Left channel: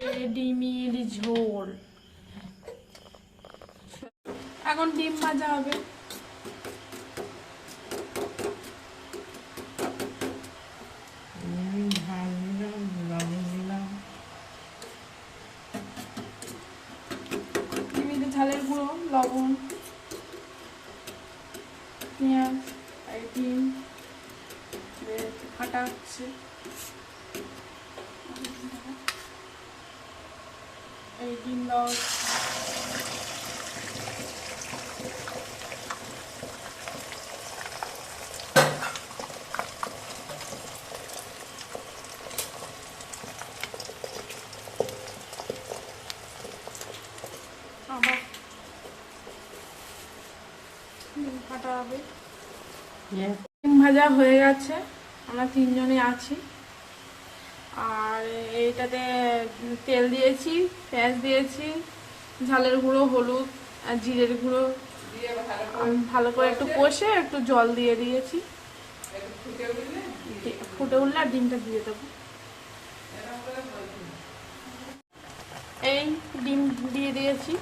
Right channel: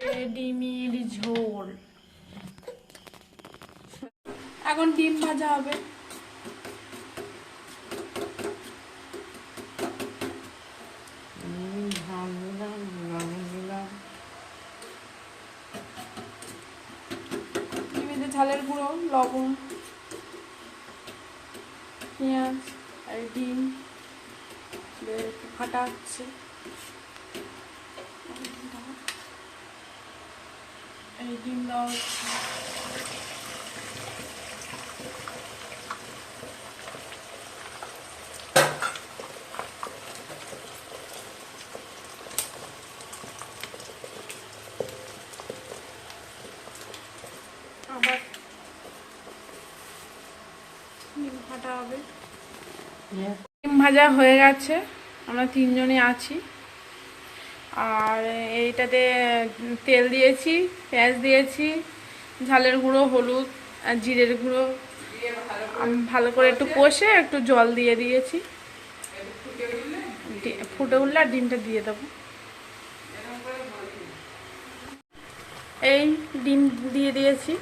ডিমের ঝোল। এখন ডিম ভাজা হবে। ডিমেতে ঝালের গুঁড়ো, লবণ, পেঁয়াজ আর ডিম ফাটা হচ্ছে। এই ডিম দাও। আবার ডিম ফাটা হবে। ডিম ভাজা হয়ে গেছে, আমরা তিনজনই আছি। আর এইটাতে তেল দিয়েছি, পেঁয়াজ দিয়েছি, ঝালের গুঁড়ো, হলুদ আর জিরের গুঁড়ো ভালো করে একটু কষে একটু জল দিয়ে দিয়েছি। ফুটে উঠলে আর ডিমটা দিয়ে দেবো। এই ডিম দিয়ে দিয়েছি,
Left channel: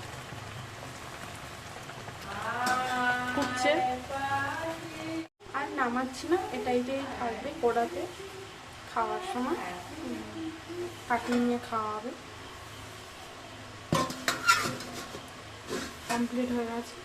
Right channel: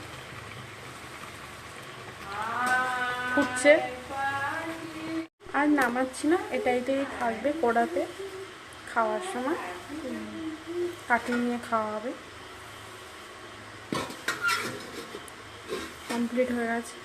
ফুটছে। আর নামাচ্ছি না, এটাই থাকবে কড়াতে। খাওয়ার সময় কাটিয়ে নিয়ে খাওয়া হবে। কমপ্লিট হয়ে গেছে।